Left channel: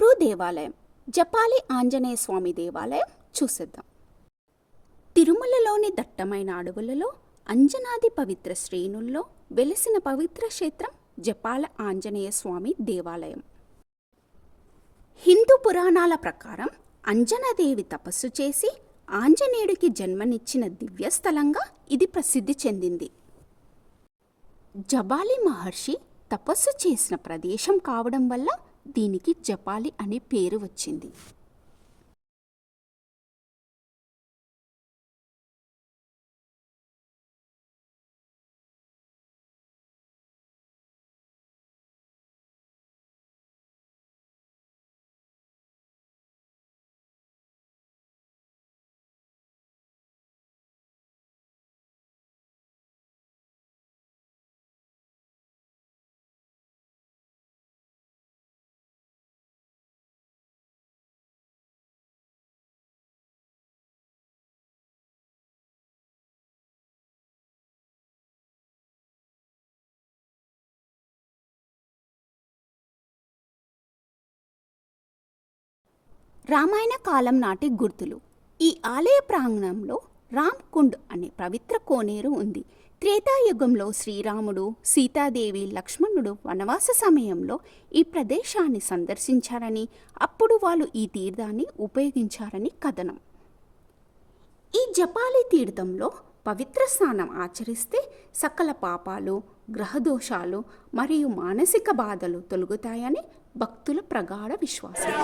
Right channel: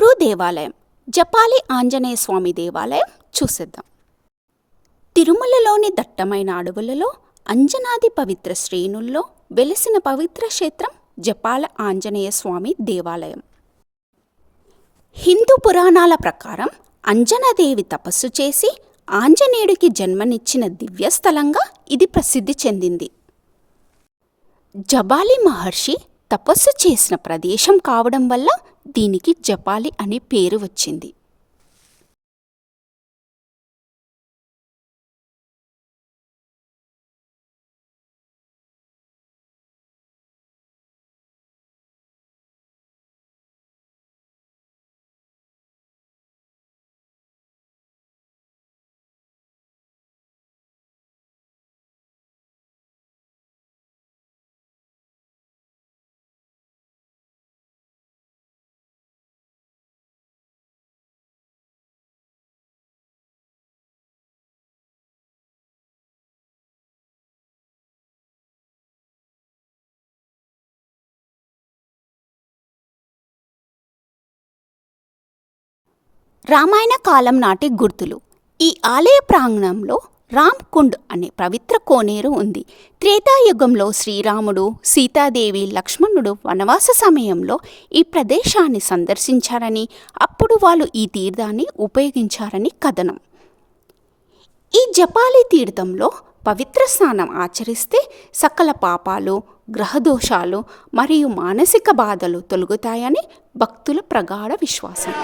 తిరువురు దేవాలయం, జపాలి ఆంజనేయ స్వామి దేవాలయం చూసేద్దాం. తిరుమలలోని దట్టమైన అడవులలో అంజనాది పవిత్ర శ్రేణుల్లో వెలిసిన పవిత్ర క్షేత్రం జపాల ఆంజనేయ స్వామి దేవాలయం. హిందూ పురాణాల ప్రకారం అంజనాదేవి తపస్సు చేసి ఆంజనేయుడికి జన్మనిచ్చిన దివ్యస్థలంగా ఇది ప్రసిద్ధి చెందింది. జబాలి మహర్షి తపస్సు చేసిన ప్రదేశం కావడం వల్ల దీనికి జపాలి అనే పేరు వచ్చింది. రామాయణ కాలం నాటి గుర్తులు. ఈ ఆలయ ప్రాంగణంలో రామ్ కుండ్ అనే పవిత్ర కోనేరు ఉంది. త్రేతాయుగంలో శ్రీరాముడు, సీతాదేవి, లక్ష్మణుడు వనవాస సమయంలో ఈ ప్రదేశాన్ని సందర్శించారని, అప్పుడు వాళ్ళు ఈ తీర్థాన్ని ఉపయోగించారని కథనం. ఈ జపాలి తీర్థంలో పవిత్ర స్నానం ఆచరిస్తే సకల పాపాలు, గ్రహదోషాలు మరియు మానసిక బాధలు తొలగుతాయని భక్తుల ప్రగాఢ విశ్వాసం.